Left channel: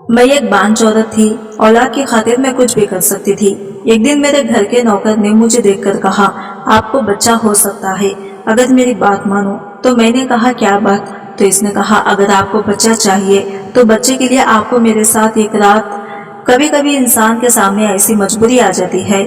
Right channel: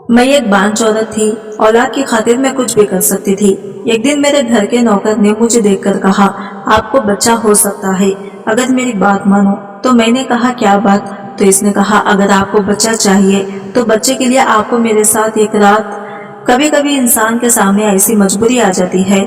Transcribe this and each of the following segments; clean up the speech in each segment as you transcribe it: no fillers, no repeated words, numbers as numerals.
मैं एक बांझ औरत थी। औलाद की खातिर मैं कुछ भी कर सकती थी। एक दिन मेरे घर के नौकर ने मुझे देखकर कहा, आपको बच्चा हो सकता है अगर मेरी बात मानो। तो मैंने कहा, क्या बात? तो इसने कहा, अगर आपको बच्चा चाहिए तो बच्चे के लिए आपको मेरे साथ एक रात। कभी कभी इंसान के सामने ऐसी मजबूरी आ जाती है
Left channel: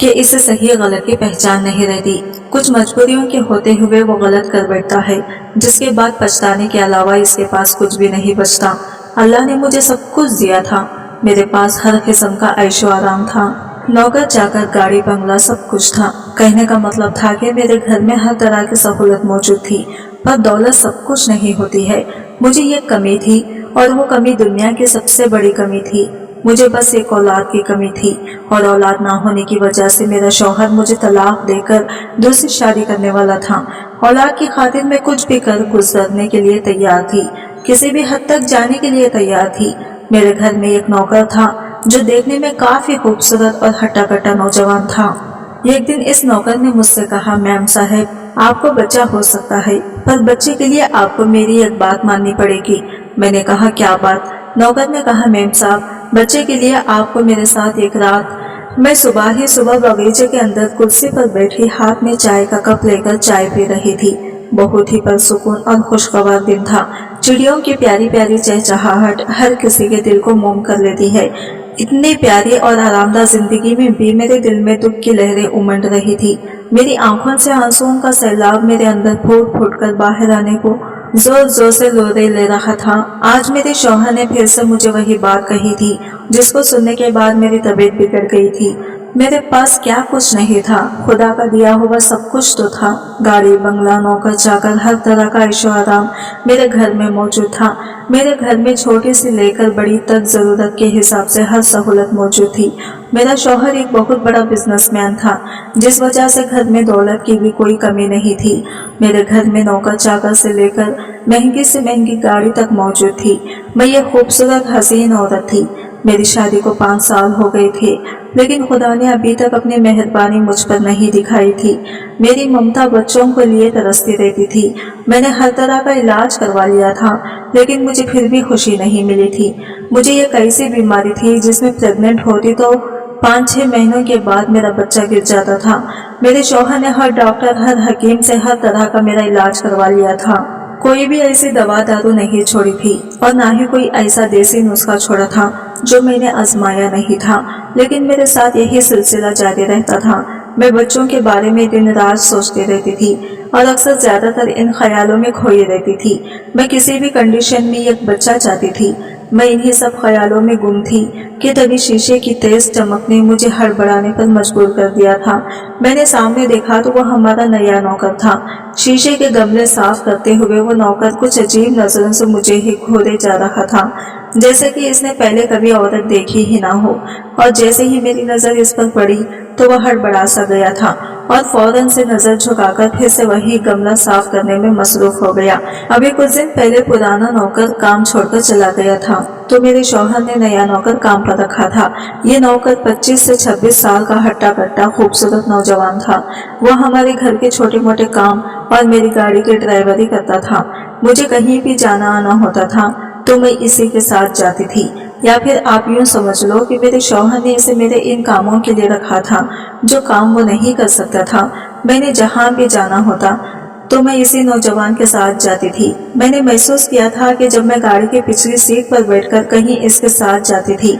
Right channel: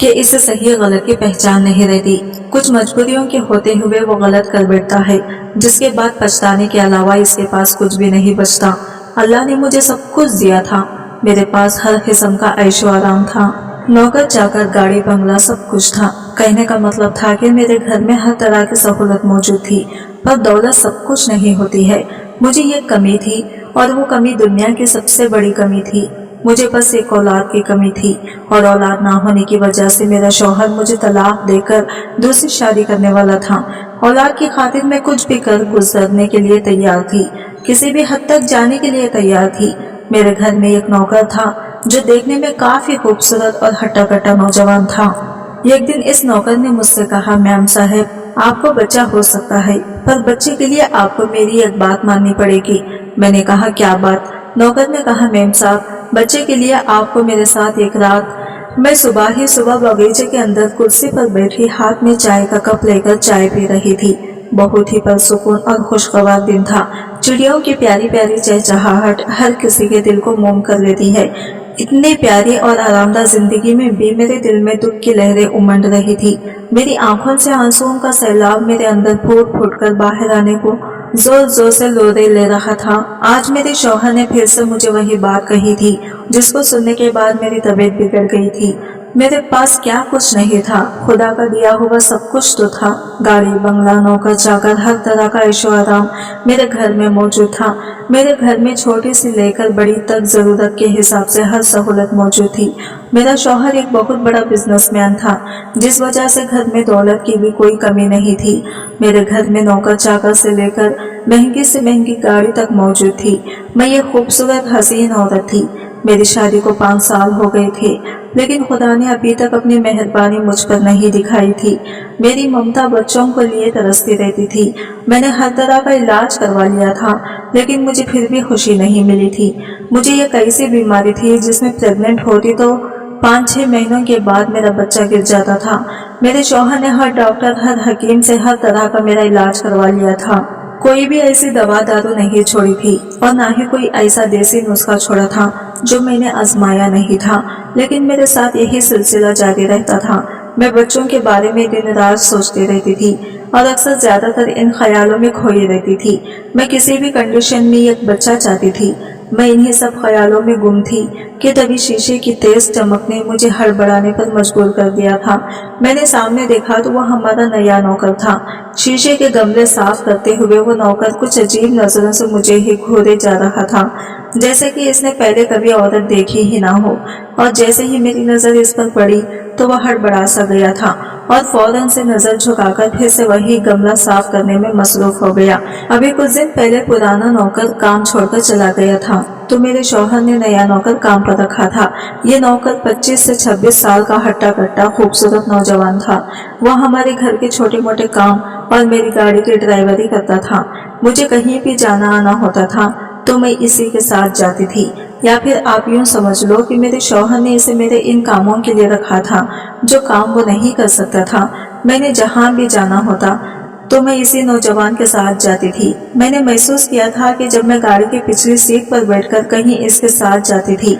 कि इससे सही गलत की पहचान नहीं रहती। कुछ मजबूरियों के होते हुए वो गलत कर बैठता है, जिसके बाद पछताने के अलावा इसके पास कुछ भी नहीं बचता। अल्लाह ने मुझे सब कुछ दिया था। मेरे पास हर किस्म का ऐशो आराम था, नौकर चाकर, गाड़ी बंगला, सब कुछ था। कहने का मतलब था कि मेरे घर में हर तरह की सहूलत मौजूद थी, पर दौलत सब कुछ नहीं होती है। मुझे ये कमी थी, और वो कमी दुनिया की सबसे बड़ी कमी थी। मुझे बस एक औलाद की कमी थी, और औलाद ना होने की वजह से मेरा शौहर मुझे तलाक देकर दूसरी शादी करने वाला था। औलाद की खातिर मैं कुछ भी कर गुजरने के लिए तैयार थी, किसी भी हद तक जाने के लिए तैयार थी। मेरे घर में एक नौकर था जो देखने में काफी खूबसूरत और हट्टा कट्टा नौजवान था। एक दिन इस नौकर ने मुझसे कहा, मैम साहब, आपको बच्चा हो सकता है, पर बच्चे के लिए आपको मेरी एक बात माननी पड़ेगी। मैंने कहा, क्या बात? नौकर ने कहा, मैम साहब, बच्चे के लिए आपको मेरे साथ एक रात। मैं सुबह ही सुबह बगीचे के अंदर कुर्सी पर बैठी हाथ में चाय का कप लेकर चाय पी रही थी। बहुत ही परसुकून और खुशगवार दिन था। चिड़ियों की प्यारी प्यारी चहचहाहट हर किसी के दिल को मोम कर लेती है। इतनी प्यारी और आरामदाह जिंदगी में भी मेरे दिल में दुख की लहरें उमड़ रही थी। मेरी आंखों से आंसुओं का सैलाब मेरे अंदर फूट फूट कर बाहर आने को जोर जोर से लोरे ले रहा था। आज मेरे शौहर ने फिर से मुझे वही बात कही थी, जिसको सुनने के बाद मेरी तबीयत बिगड़ गई थी। मेरे पास क्या कुछ नहीं था, खुदा का दिया हुआ सब कुछ तो था। गाड़ी बंगला, नौकर चाकर, हर तरह का ऐशो आराम मेरे घर में मौजूद था। मेरे घर में छोटी सी लेकर बड़ी तक जरूरत के हिसाब से हर सहूलत मौजूद थी। मेरा शौहर एक बहुत बड़ा बिजनेसमैन था, जिस वजह से घर में दौलत की भी कोई कमी नहीं थी। मेरे घर में नौकर चाकर से लेकर महंगी से महंगी गाड़ी तक मौजूद थी। मैं ये खूबसूरत हसीन औरत थी। मेरी शादी को 5 साल हो गए थे, लेकिन खुदा ने अभी तक अपनी मेहरबानी मुझ पर नहीं दिखाई थी। मेरी ममता बच्चों को लिए तरसती रहती थी। मैंने हर तरह का इलाज करवा लिया था, लेकिन मुझे फिर भी खुशी नहीं मिली थी। मुझे यह कैसी बीमारी थी जिसमें प्रेग्नेंट होती तो 5-6 महीनों के बाद मेरा बच्चा गिर जाता था। मेरे शौहर ने हर डॉक्टर, हर हकीम से हर तरह का मेरा इलाज करवा लिया था। कोई भी ऐसी दवा दारू नहीं छोड़ी थी, और ना ही कोई ऐसा देसी नुस्खा छोड़ा था जो मैंने आजमाया नहीं था। लेकिन मेरे साथ यही सिलसिला जारी रहता था। मैं बच्चों के बारे में दिन रात सोचती रहती थी, और अक्सर ज्यादातर इन ख्यालों में खोई रहती थी। मैं किसी भी कंडीशन में एक बच्चा चाहती थी। मैं इन्हीं सब ख्यालों में गुम थी कि तभी शीशे की तेज चमक ने मुझे हड़बड़ाने पर मजबूर कर दिया था। मैंने सामने देखा तो वह हमारा नया नौकर था। शीशे के गमले साफ करते हुए वो नौकर कुछ अजीब नजरों से मुझे ही घूरे जा रहा था, जैसे कि इसने पहले कभी औरत देखी ही ना हो। और जैसे ही मेरी नजर इस पर पड़ी तो वह हड़बड़ा सा गया था, और फौरन से नजर झुकाकर फिर से वही गमला साफ करने में मसरूफ हो गया। अभी कुछ दिन पहले पुराना नौकर काम छोड़कर चला गया था, तो मेरे शौहर ने नया नौकर काम पर रखा था। ये नौकर 25 से 26 साल का हट्टा कट्टा खूबसूरत नौजवान था। वह हमारे घर के छोटे मोटे काम और मेरी गाड़ी की ड्राइवरी करता था। मुझे कहीं भी जाना आना होता था तो मैं इसी के साथ जाती थी, या फिर आप यूं समझ लो कि मेरे शौहर ने इसे मेरे इन कामों के लिए रखा था जो काम वो नहीं कर सकता था। मैंने जहां भी जाना होता तो मैं इसी नौजवान के साथ जाती थी। मैंने महसूस किया था कि जब मैं गाड़ी की पिछली सीट पर बैठकर कहीं इसके साथ जाती थी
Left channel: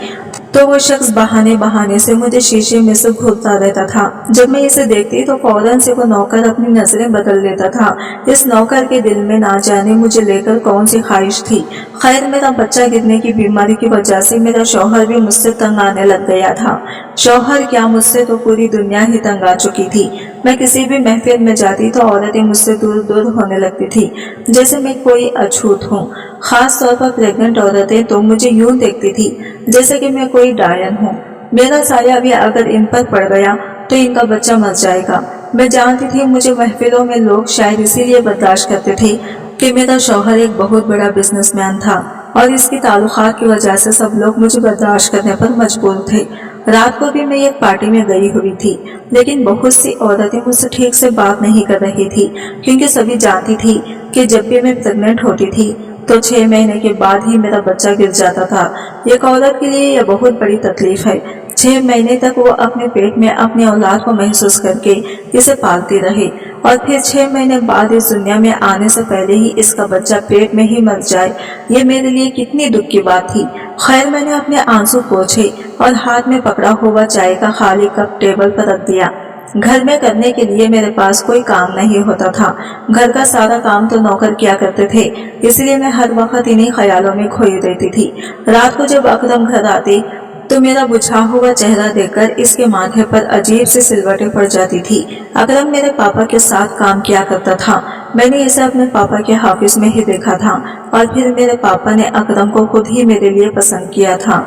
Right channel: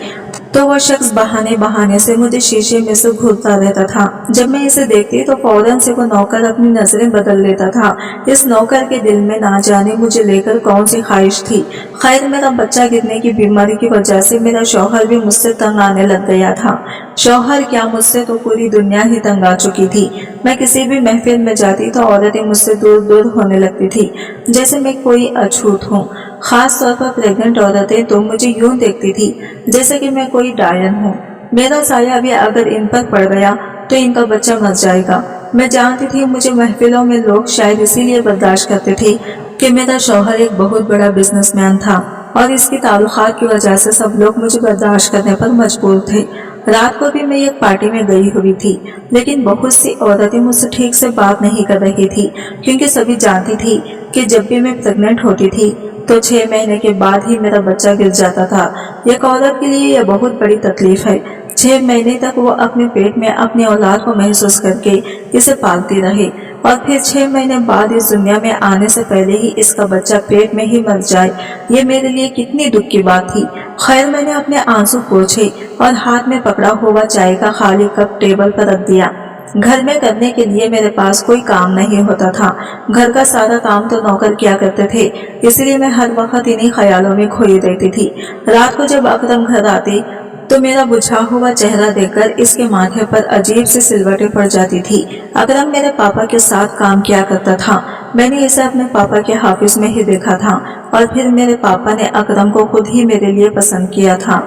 तो वो शख्स बहाने बहाने से मुझे शीशे में से घूरता रहता था। जब मैं इसे देखती तो फौरन से वो नौकर अपनी नजरें बदल लेता था। इस नौकर के दिल में ना जाने मुझे लेकर कौन सी ख्वाहिश थी। खैर, मेरा बच्चा गिरने की बीमारी की वजह से मेरा शौहर भी मुझसे तंग आने लग गया था। शौहर क्या, मुझसे तो पूरी दुनिया ही तंग आ चुकी थी। मैं किसी भी महफिल में जाती तो औरतें मुझसे दूर दूर होने लगती थी, जैसे मैं कोई अछूत हूँ। खास तौर पर प्रेग्नेंट औरतें तो मुझे यूं देखती थी जैसे कि मैं कोई डायन हूँ। मेरा साया भी अगर इन पर पड़ गया तो इनका बच्चा मर जाएगा। मैं जानती थी मुझे महफिलों में लोग शायद इसीलिए बर्दाश्त करते थे कि मेरा शौहर एक बहुत बड़ा बिजनेसमैन था, और इसकी ताल्लुकात की वजह से सब लोग मुझे बर्दाश्त करने पर मजबूर थे। रात को भी मैं एक पार्टी में गई हुई थी, लेकिन बहुत सी औरतें मुझसे ठीक से बात नहीं कर रही थी, क्योंकि सभी जानती थी कि जब भी मैं प्रेग्नेंट होती थी तो 6 महीने के बाद ही मेरा बच्चा गिर जाता था। एक औरत के लिए यह बहुत बड़ी तकलीफ है। 6 महीने तक वो अपने पेट में अपनी औलाद को महसूस करके इसे पालती रही और फिर 6 महीने बाद इस दुनिया में आने से पहले ही इसका बच्चा पेट में ही मर जाए, ये मेरे लिए कितनी दुख की बात थी। खैर, मैंने अपने आंसू पोंछे और हाथ में पकड़ा हुआ चाय का खाली कप टेबल पर रख दिया। घर में करने के लिए मेरे पास कोई काम नहीं होता था। घर का सारा काम तो नौकर किया करते थे, इसलिए मैं हर वक्त इन्हीं ख्यालों में खोई रहती थी। रात को जब अकरम घर आते तो मेरा बुझा हुआ चेहरा देखकर इसके माथे पर अजीब सी सिलवटें पड़ जाती थी। अकरम मेरे पापा के साथ काम किया करता था। मैंने इसे अपने पापा के ऑफिस में ही देखा था और फिर मेरे पापा ने अकरम को खुद ही मेरे लिए पसंद किया था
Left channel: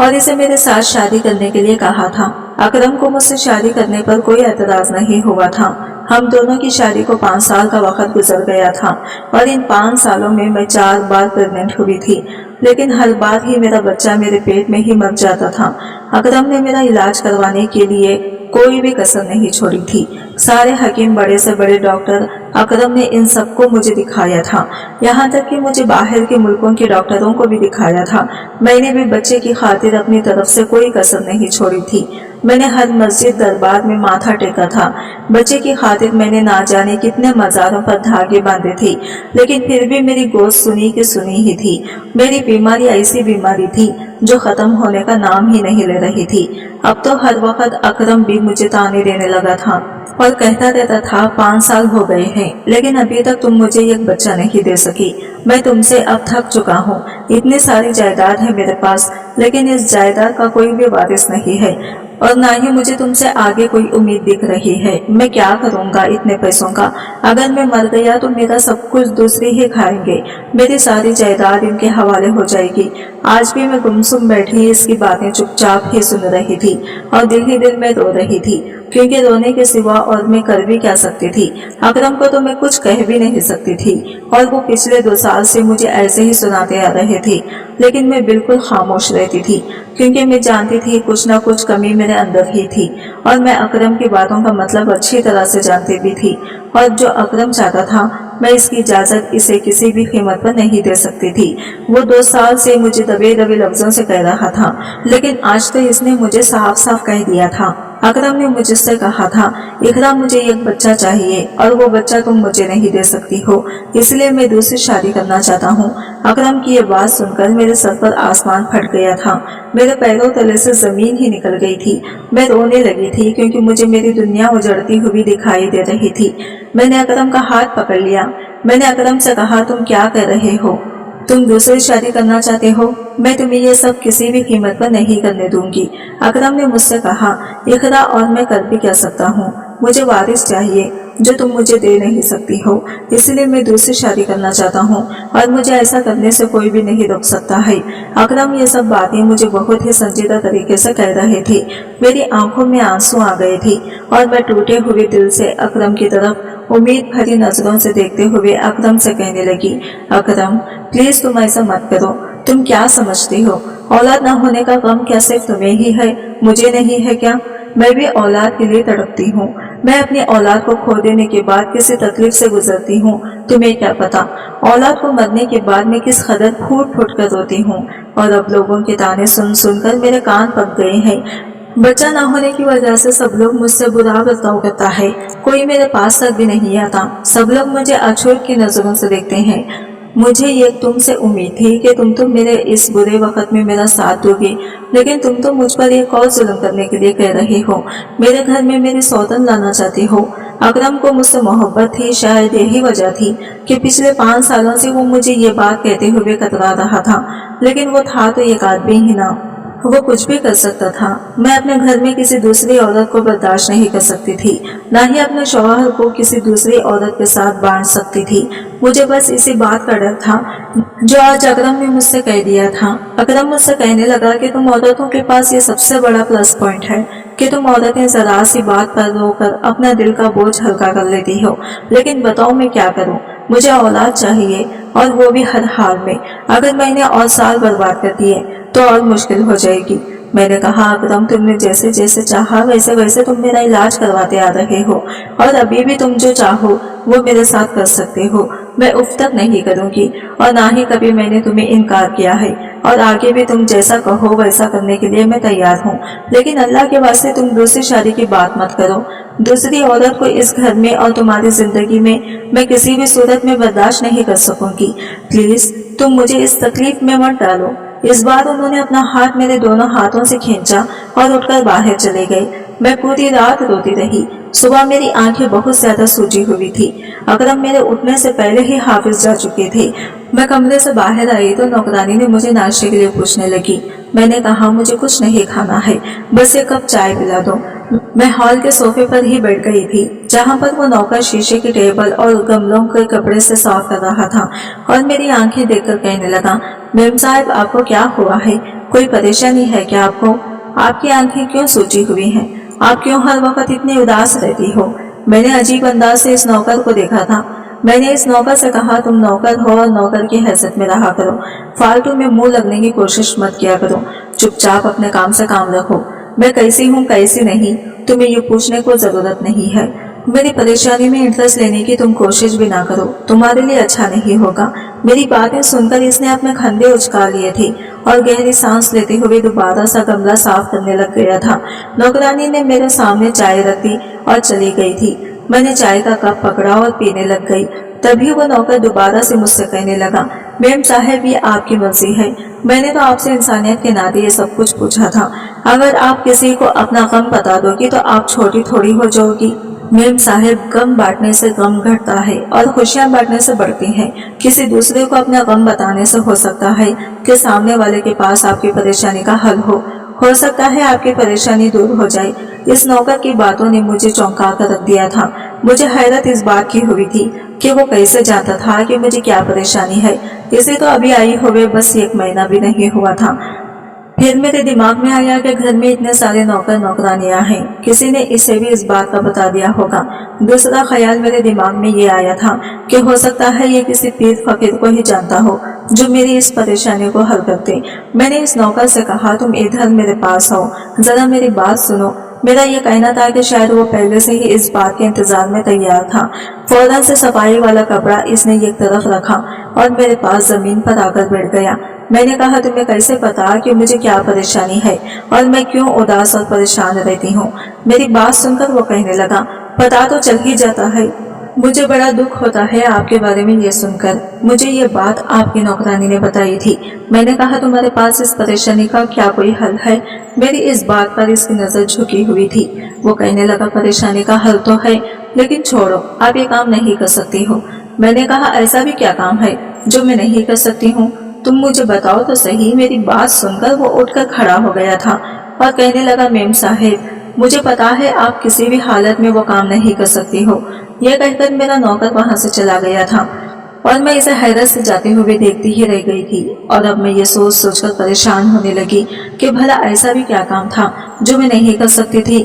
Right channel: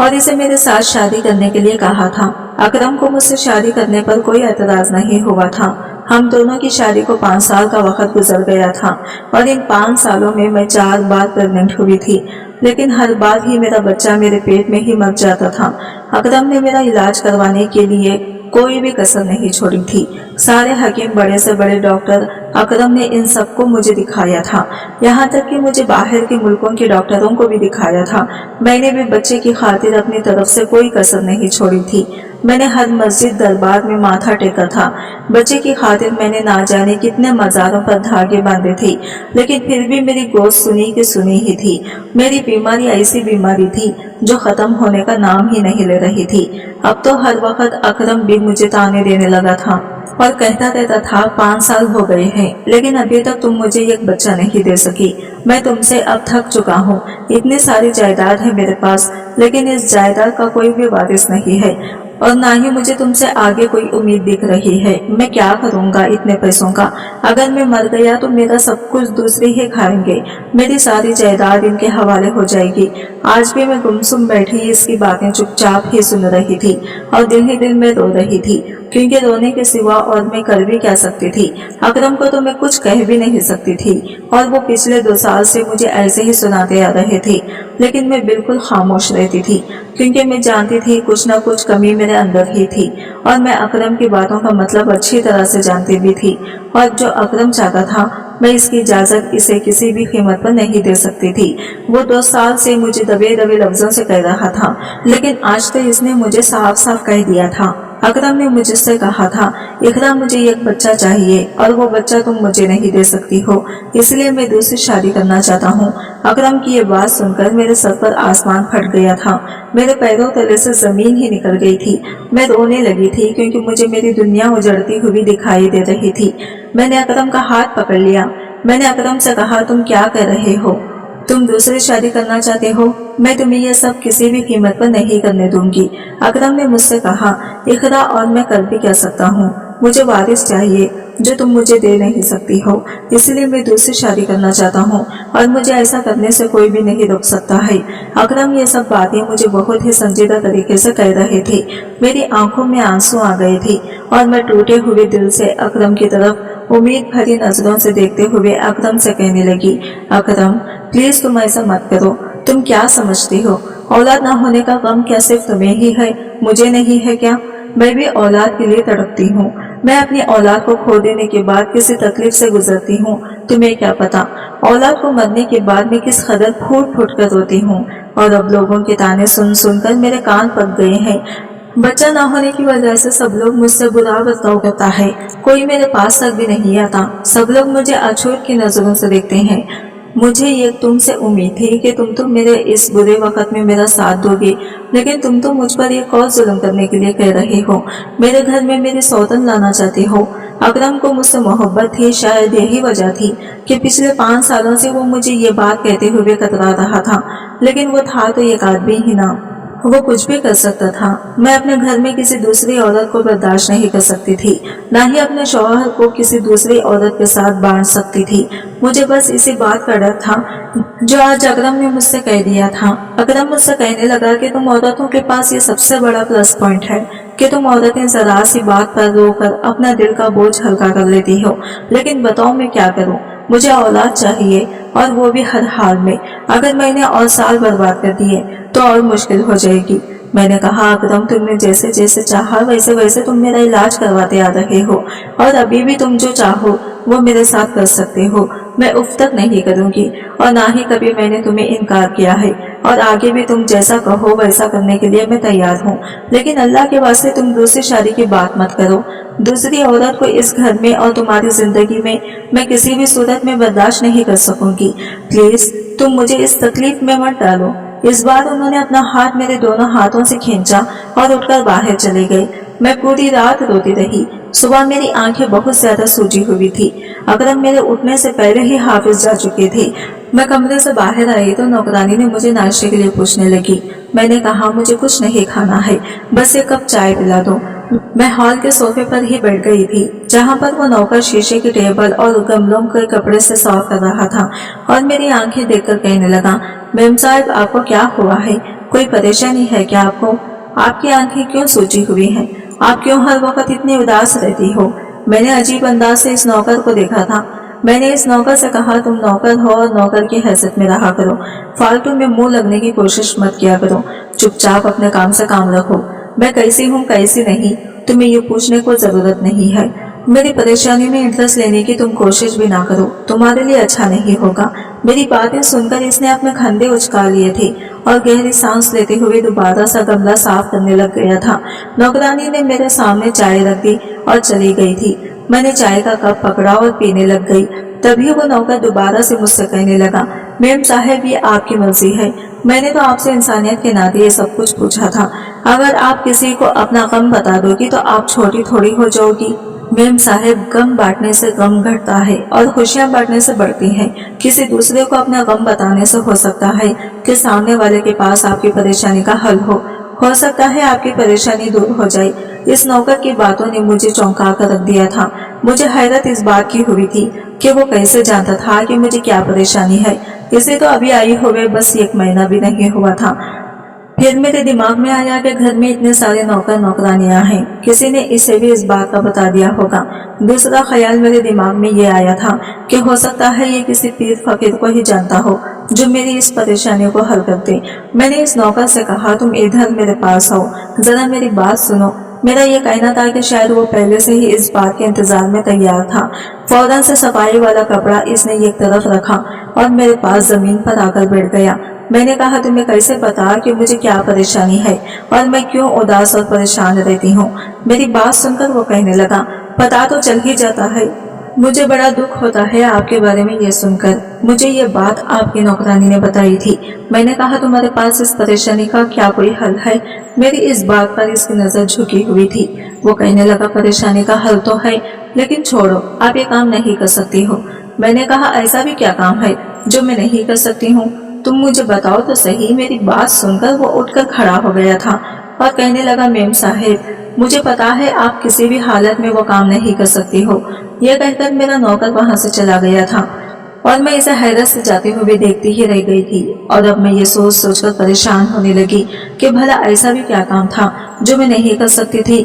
और इसे मेरे साथ शादी करने के लिए कहा था। अकरम को मुझसे शादी करने पर कोई एतराज नहीं हुआ था। हम दोनों की शादी को 5 साल का वक्त गुजर गया था और इन 5 सालों में मैं 4 बार प्रेग्नेंट हुई थी, लेकिन हर बार ही मेरा बच्चा मेरे पेट में ही मर जाता था। अकरम ने मेरा इलाज करवाने के लिए कोई भी कसर नहीं छोड़ी थी। सारे हकीम, बड़े से बड़े डॉक्टर, अकरम ने इन सबको मुझे दिखाया था। यहाँ तक कि मुझे बाहर के मुल्कों के डॉक्टरों को भी दिखाया था। मैंने भी बच्चे की खातिर अपनी तरफ से कोई कसर नहीं छोड़ी थी। मैंने हर मस्जिद दरबार में माथा टेका था। बच्चे की खातिर मैंने ना जाने कितने मज़ारों पर धागे बांधे थे, लेकिन फिर भी मेरी गोश्त सुनी की सुनी ही थी। मेरी बीमारी ऐसी बीमारी थी जो ख़त्म होने का नाम ही नहीं ले रही थी। अब तो हर वक्त अकरम भी मुझे ताने देने लगा था और कहता रहता था, 5 साल हो गए हैं लेकिन अभी तक तुम मुझे एक बच्चा नहीं दे सकी। मैं तुमसे अब थक चुका हूँ। इतनी सारी जायदाद है मेरे पास, लेकिन इस जायदाद का कोई भी वारिस नहीं है और ना ही मुझे तुमसे आगे कोई उम्मीद दिख रही है। मैं क्या करूँगा इतने पैसों का? अगर मैं मर गया तो मेरा सब कुछ दूसरे ही खाएंगे। मेरी सारी जायदाद इनके हवाले हो जाएगी। आज भी मैं गुमसुम बैठी इसकी बातें चुपचाप ही सुन रही थी और दिल ही दिल में रो रही थी, क्योंकि रोने के सिवा और मैं कर भी क्या सकती थी। अकरम को तो मैं कुछ कह भी नहीं सकती थी और वो पिछले 2 साल से मुझे ऐसे ही सुनाते आ रहे थे, लेकिन मैं बिल्कुल खामोश रहती थी, क्योंकि मैं जानती थी कुछ न कुछ कमी मेरे अंदर ही थी और मैं अकरम की बातों का मतलब अच्छी तरह से जानती भी थी और जो अकरम चाहता था मैं इसकी इजाज़त इसे किसी भी कीमत पर नहीं दे सकती थी। वो 2 साल से मुझे दबे दबे लफ्ज़ों से कह रहा था, लेकिन आज तो इसने मुझे साफ साफ कह दिया था। अकरम ने मुझसे कहा था, इकरा मुझे एक बच्चा चाहिए और वो बच्चा तुम मुझे नहीं दे सकती हो, इसलिए मैं दूसरी शादी करना चाहता हूँ। अकरम की ये बात सुनकर मेरे सर पर आसमान फट गया था। मेरे पैरों तले से ज़मीन ही निकल गई थी। मैं रोने लगी थी क्योंकि मुझे मेरी दुनिया उजड़ती हुई दिखाई दे रही थी। मैंने अकरम का हाथ पकड़ लिया। मैंने अकरम से कहा, तुम क्या कर रहे हो? तुम दूसरी शादी करना चाहते हो? मैं तुम्हें यह सब किसी भी कीमत पर नहीं करने दूंगी। अकरम ने मुझसे कहा, इकरा और मैं कर भी क्या सकता हूँ? मुझे वारिस चाहिए जो तुम मुझे दे नहीं सकती हो, इसलिए मैं दूसरी शादी करना चाहता हूँ और मुझे ऐसा करने से कोई भी नहीं रोक सकता है। अकरम ये सब बातें मुझे बहुत ही संजीदा तरीके से कह रहे थे। मेरी आंखों में आंसू आ गए थे और मैं टूटे हुए दिल से अकरम की तरफ उम्मीद भरी नजरों से देखते हुए अकरम से कहने लगी, अकरम प्लीज तुम ऐसा मत करो। तुम क्या समझती हो? औलाद ना होने का गम क्या सिर्फ तुम्हें ही है, मुझे नहीं है क्या? मैं भी औलाद के लिए तड़पती हूँ। मैं अपनी औलाद को खो देने के बाद किसी तकलीफ से गुजरती हूँ, तुम्हें क्या पता। औलाद को मरने के बाद मैं किस कदर फूट फूट कर रोती हूँ और अब लोगों के ताने सुन सुनकर मेरे कान पक गए हैं। बच्चा ना होने की वजह से सब लोग मुझसे बुरा बर्ताव करता है। कोई मेरे पास तक भी नहीं आता। सब लोग मुझे अछूत की नजरों से देखते हैं। मुझे ये तुमसे उम्मीद थी कि तुम तो मेरे इस बुरे वक्त में मेरा साथ दोगे, लेकिन तुम तो मुझ पर एक और जुल्म करने के लिए कह रहे हो। मेरे घर में मेरी सौतन लाना चाहते हो। अकरम को मुझसे मोहब्बत थी, शायद यही वजह थी कि पिछले 5 सालों से वो मुझे ये बात कहते हुए कतरा रहा था, लेकिन वो था तो एक आदमी ही ना, वो कुछ भी कर सकता था। मैं अपने घर में किसी दूसरी औरत को बर्दाश्त नहीं कर सकती थी, ना ही अपने शौहर को किसी दूसरी औरत के साथ बांट सकती थी। मुझे बस इसी बात का डर था जो आज अकरम ने मुझसे कह दिया था। अकरम मुझसे कहने लगा कि तुम औरतों के पास ये सबसे बड़ा प्लस पॉइंट है कि तुम औरतें जरा सी बात पर रोकर अपना दिल का बोझ हल्का कर लेती हो, लेकिन बताओ मैं क्या करूं? मुझे औलाद चाहिए और वो भी हर हाल में। अगर मैंने और साल बर्बाद कर दिए तो और मुश्किल हो जाएगी। मैंने कहा, अकरम तुमने जैसे जैसे चाहा वैसे वैसे तुम मेरा इलाज करवाते आ रहे हो और अभी भी तुम जो चाहो वो मेरे साथ कर सकते हो। मैं उफ तक नहीं करूंगी और ना ही कभी मैंने तुम्हें इनकार किया है, और आगे भी तुम जैसा कहो वैसा करने के लिए मैं तैयार हूँ। लेकिन अल्लाह के वास्ते तुम दूसरी शादी की बात मत करो। दूसरी औरत को इस घर में और तुम्हारी जिंदगी में मैं किसी भी सूरत में बर्दाश्त नहीं कर सकूंगी। प्लीज तुम मुझे इस तकलीफ में मत डालो। इस बार उन्होंने अपना हाथ मेरे दोनों हाथों से खींचा और उठकर बाहर चले गए। मैं पूरी रात रोती रही। सुबह मेरी आंखें बहुत ज्यादा सूजी हुई थी। अकरम मेरे उठने से पहले ही हाफिज जा चुके थे। मैं कमरे से बाहर आई तो नौकरानी ने मुझे नाश्ते के लिए पूछने लगी। मैंने कहा मुझे कुछ नहीं खाना है, बस एक कप चाय पिला दो। मैं हॉल के सोफे पर ही बैठ गई थी, जहाँ पर वो नौकर शीशे की टेबल और गमलों के कपड़े से साफ कर रहा था, और मेरी आंखें देखकर कहने लगा, मेम साहब आपको क्या हुआ है? कोई परेशानी है क्या आपको? आपकी आंखें क्यों सूजी हुई हैं? आप क्यों हर वक्त इतनी उदास रहती हो? मैंने अजीब अंदाज से इस नौकर को देखा था। मैंने इस नौकर से कहा, तुम नौकर हो और नौकर की हैसियत में रहा करो। फालतू में मुंह लगने की कोशिश मत किया करो। चुपचाप अपने काम से काम रखो। मैं कैसी हूँ कैसी नहीं तुम्हें ये पूछने को जरूरत नहीं है। मेरी परेशानी में इंटरेस्ट लेने की तुम कोशिश भी ना करो, तुम्हारे लिए अच्छा नहीं होगा। मेरी बातें सुनकर इसने अपने खंडे उचका लिए थे और गहरी सांस लेते हुए दोबारा सा गमला साफ करने लग गया था। नौकरानी ने मेरे सामने चाय रख दी और चली गई थी। मैंने चाय का कप पकड़ा और पीने लग गई। तभी वो नौकर दोबारा से मुझसे कहने लगा, मेम साहब ये आपकी मर्जी है। मैंने तो आपसे इंसानियत के नाते ये सब कुछ पूछा था। अगर आप किसी को अपना गम बता दोगी तो आप छोटी थोड़ी हो जाओगी। मेम साहब गम बांटने से गम घटता है और खुशियां बांटने से बढ़ती हैं। किसी दूसरे को अपना गम बताने से हो सकता है कि सामने वाले के पास आपकी परेशानी का हल हो सकता है आपकी परेशानी दूर हो जाए। इस नौकर की बातों ने मुझे चौंका कर रख दिया था। मुझे हैरत इस बात की हुई थी कि वो कैसे जानता था कि मुझे क्या परेशानी है। इसे तो अभी आई हुए बस 1 महीना भी नहीं हुआ था। फिर मेरे दिमाग में आया कि घर में इतने सारे नौकर नौकरानियां हैं, किसी ने इसे भी इस बात का बता दिया होगा। दूसरा ख्याल मेरे दिमाग में ये आया था कि हो सकता है ये किसी पीर फकीर को ही जानता हो जो मेरी इस परेशानी को हल कर दे। मैंने इस नौकर से कहा, तुम इधर मेरे पास आओ, जरा मेरी बात सुनो। मेरा ये कहना था कि शायद वो पहले से ही इस बात के इंतजार में तैयार था। फौरन से सफाई वाला कपड़ा इसने एक तरफ रखा और मेरे पास जमीन पर आकर बैठ गया। मैंने कहा, तुम्हें कैसे पता कि मुझे क्या परेशानी है और मैं क्यों उदास और परेशान रहती हूँ? मेरी बात सुनकर वो कहने लगा, पता तो चल ही जाता है। मुझे बड़ा दुख होता है आपके बारे में ये सुनकर। मुझे ये बात आपकी नौकरानी ने बताई थी। मैंने कहा, तुम्हारे पास इस परेशानी का क्या कोई हल है? मेरी इस बात पर इसकी नजर झुकी हुई थी। वो कहने लगा, परेशानी का हल तो है, लेकिन छोड़ो, आप ये काम नहीं कर सकती हो। मैंने कहा, ऐसा भी क्या काम है जो मैं नहीं कर सकती हूँ? तुम मुझे बताओ तो सही। मेरी बात सुनकर वो उठकर खड़ा हो गया था और कहने लगा, मेम साहेब मुझे पता है आप किसी भी हालत में वो काम नहीं कर सकती हो। यह कहकर मेरा नौकर वहां से चला गया था और मैं इसे हैरत से जाते हुए देखती ही रह गई थी। और अब मैं ये सोच सोचकर परेशान होने लगी कि भला ऐसा भी क्या काम था जो मैं नहीं कर सकती थी,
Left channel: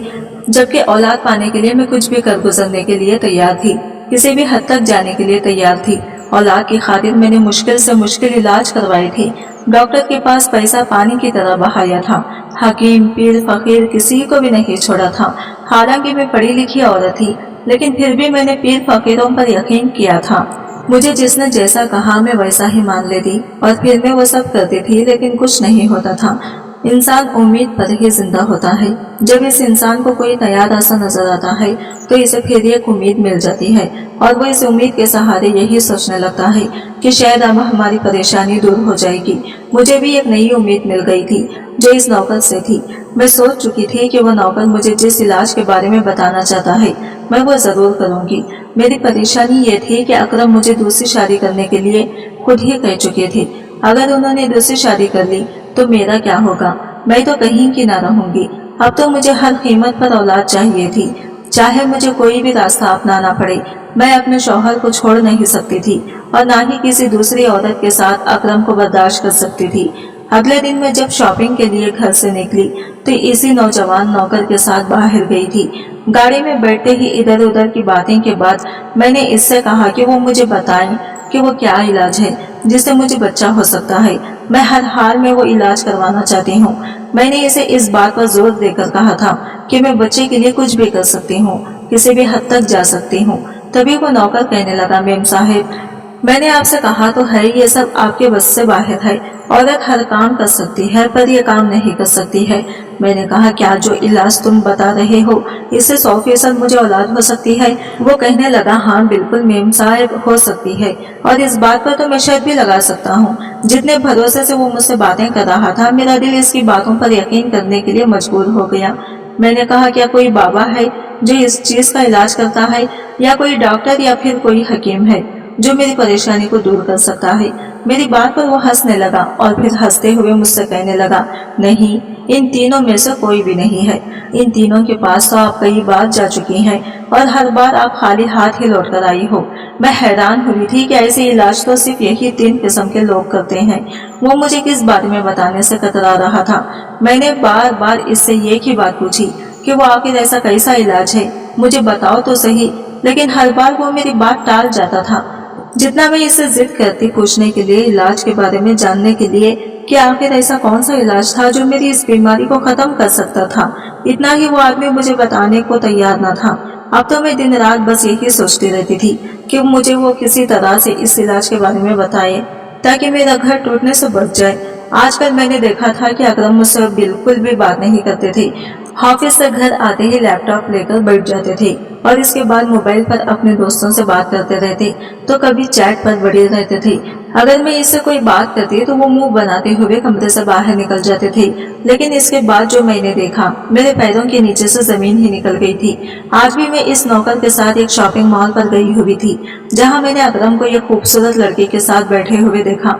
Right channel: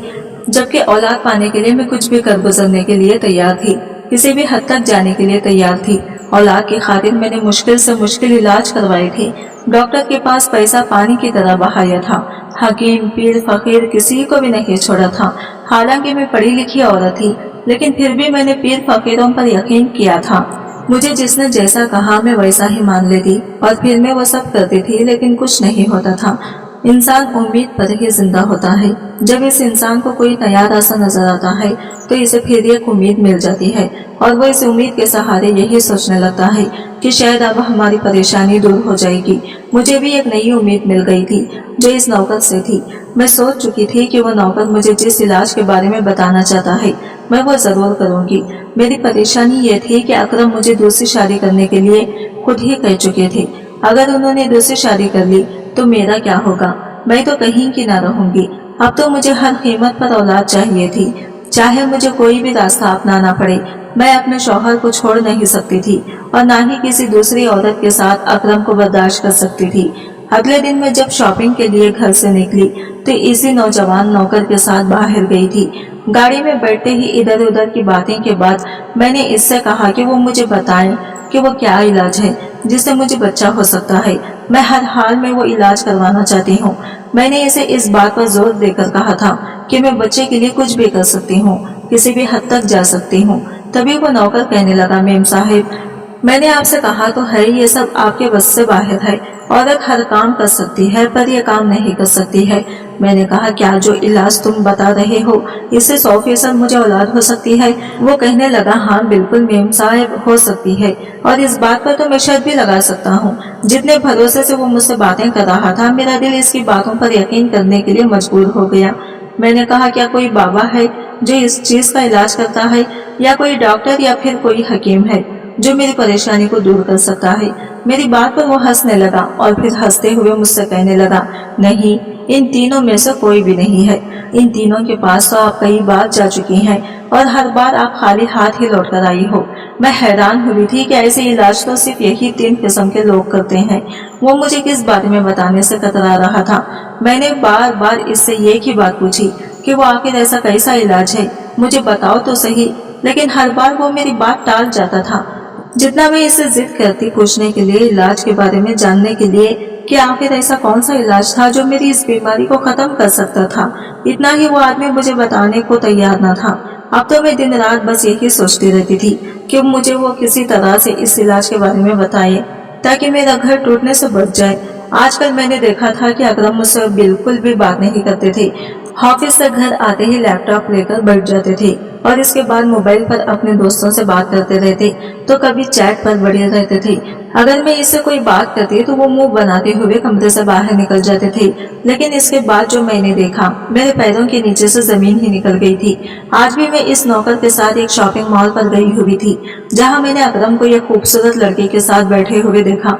जबकि औलाद पाने के लिए मैं कुछ भी कर गुजरने के लिए तैयार थी, किसी भी हद तक जाने के लिए तैयार थी। औलाद की खातिर मैंने मुश्किल से मुश्किल इलाज करवाए थे, डॉक्टर के पास पैसा पानी की तरह बहाया था, हकीम पीर फकीर किसी को भी नहीं छोड़ा था। हालांकि मैं पढ़ी लिखी औरत थी, लेकिन फिर भी मैंने पीर फकीरों पर यकीन किया था। मुझे जिसने जैसा कहा मैं वैसा ही मान लेती और फिर मैं वो सब करती थी, लेकिन कुछ नहीं होता था। इंसान उम्मीद पर ही जिंदा होता है। जब इस इंसान को कोई नया रास्ता नजर आता है तो इसे फिर एक उम्मीद मिल जाती है और वो इस उम्मीद के सहारे यही सोचने लगता है कि शायद अब हमारी परेशानी दूर हो जाएगी। मुझे भी एक नई उम्मीद मिल गई थी जो इस नौकर से थी। मैं सोच चुकी थी कि वो नौकर मुझे जिस इलाज के बारे में बताना चाहता है मैं वो जरूर करूंगी। मेरी परेशानी ये थी कि अकरम मुझे दूसरी शादी करने के लिए खुद ही कह चुके थे। अगर उन्होंने दूसरी शादी कर ली तो मेरा क्या होगा? मैं तो कहीं की ना रहूंगी। अब तो मुझे हर कीमत पर औलाद चाहिए थी, चाहे मुझे कोई भी रास्ता अपनाना पड़े। मैं अपने शौहर को छोड़ नहीं सकती थी और ना ही किसी दूसरी औरत के साथ अकरम को बर्दाश्त कर सकती थी। अगले दिन मैं जब शॉपिंग के लिए घर से निकली तो इसी नौजवान नौकर के साथ बाहर गई थी। गाड़ी में बैठते ही इधर उधर की बातें के बाद मैंने इससे कहा कि वो मुझे बताएं कि वो क्या इलाज है जिससे मुझे बच्चा हो सकता है। मैं हर हाल में वो इलाज करवाना चाहती हूँ। मैंने इसे इस बात पर जोर देकर कहा था कि मैं बच्चे के लिए कुछ भी कर सकती हूँ, किसी भी हद तक जा सकती हूँ। तभी वो नौकर कहने लगा, मेम साहिब मैंने आपसे कहा तो है ये सब आपके बस से बाहर है। औरत हर काम कर सकती है पर ये काम नहीं कर सकती है। मैंने कहा क्या जो इलाज तुम बता रहे हो इससे 100% मुझे औलाद हो सकती है? वो कहने लगा हाँ बिल्कुल मेम साहब हो सकती है, और इस बात पर तो मैं शर्त भी लगा सकता हूँ। जितने भरोसे से वो मुझसे बातें कर रहा था मेरा दिल इसकी बातों पर यकीन करने के लिए मजबूर हो गया। मैंने कहा क्या कोई बाबा है जो इस चीज का इलाज करता है, या कोई डॉक्टर या फिर कोई हकीम है जो मेरी परेशानी को दूर कर सकता है? मेरी बात पर वो हंसने लगा और फिर हंसते हुए मुझसे कहने लगा नहीं, इन तीनों में से कोई भी नहीं है। इन तीनों के पास तो आप कई बार जा चुकी हैं और हर बार आप खाली हाथ ही लौट कर आई हो। मैं हैरान हुई थी कि ऐसे इलाज तो सिर्फ यही 3 किस्म के लोग करते हैं। वो मुझे किस बारे में बताने से कतरा रहा था। मैंने बार बार इससे एक ही बात पूछी कि वो आखिर ऐसा कैसा इलाज है, मुझे बताओ तो सही, लेकिन हर बार वो मेरी बात टाल जाता था। जितना मैं इसे जिद करती पूछने के लिए, इलाज के बारे में जानने के लिए कि आखिर ऐसा कौन सा इलाज था जो मेरी इस बीमारी को खत्म कर सकता था, इतना ही वो आदमी मुझे बताने को तैयार न था। अब तो मैं दिन रात बस यही सोचती रहती थी कि मुझे वो किसी तरह से इस इलाज के बारे में बताए ताकि मेरा घर टूटने से बच जाए। आजकल मैंने देखा था कि अकरम मुझसे बिल्कुल भी बात नहीं करते थे। ऑफिस से घर आते ही लैपटॉप लेकर बैठ जाते थे और इसके बाद मोबाइल पर अपने दोस्तों से बात करते रहते, तो कभी चैट पर बड़े रहते थे। अगर मैं इससे कोई बात करती तो वो मुंह बनाते हुए कमरे से बाहर निकल जाते थे। लेकिन इसके बाद जो मैंने देखा, मेरे पैरों के नीचे से जमीन ही निकल गई थी। आज भी मैं इस नौकर के साथ एक शॉपिंग मॉल पर गई हुई थी जहाँ मैंने अकरम को एक खूबसूरत लड़की के साथ बैठे हुए देखा।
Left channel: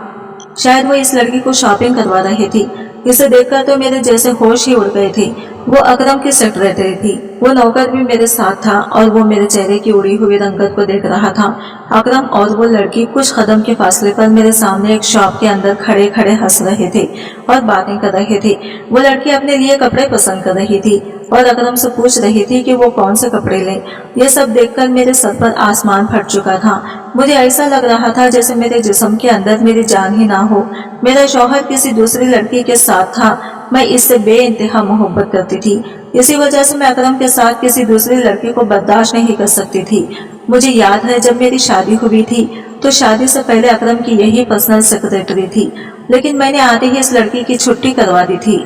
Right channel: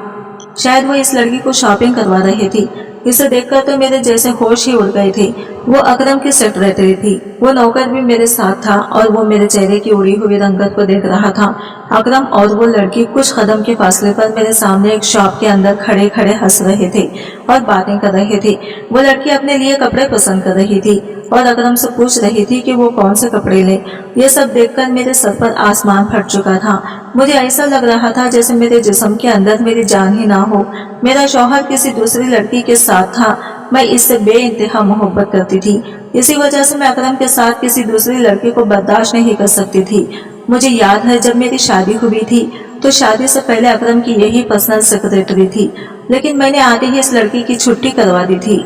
शायद वो इस लड़की को शॉपिंग करवा रहे थी। इसे देखकर तो मेरे जैसे होश ही उड़ गए थे। वो अकरम की सेक्रेटरी थी। वो नौकर भी मेरे साथ था और वो मेरे चेहरे की उड़ी हुई रंगत को देख रहा था। अकरम और वो लड़की कुछ कदम के फासले पर मेरे सामने एक शॉप के अंदर खड़े खड़े हंस रहे थे और बातें कर रहे थे। वो लड़की अपने लिए कपड़े पसंद कर रही थी और अकरम से पूछ रही थी कि वो कौन से कपड़े ले। ये सब देखकर मेरे सर पर आसमान फट चुका था। मुझे ऐसा लग रहा था जैसे मेरे जिस्म के अंदर मेरी जान ही ना हो। मेरा शौहर किसी दूसरी लड़की के साथ था। मैं इससे बेइंतहा मोहब्बत करती थी। इसी वजह से मैं अकरम के साथ किसी दूसरी लड़की को बर्दाश्त नहीं कर सकती थी। मुझे याद है जब मेरी शादी हुई थी तो शादी से पहले अकरम की यही पर्सनल सेक्रेटरी थी, लेकिन मैंने आते ही इस लड़की की छुट्टी करवा दी थी।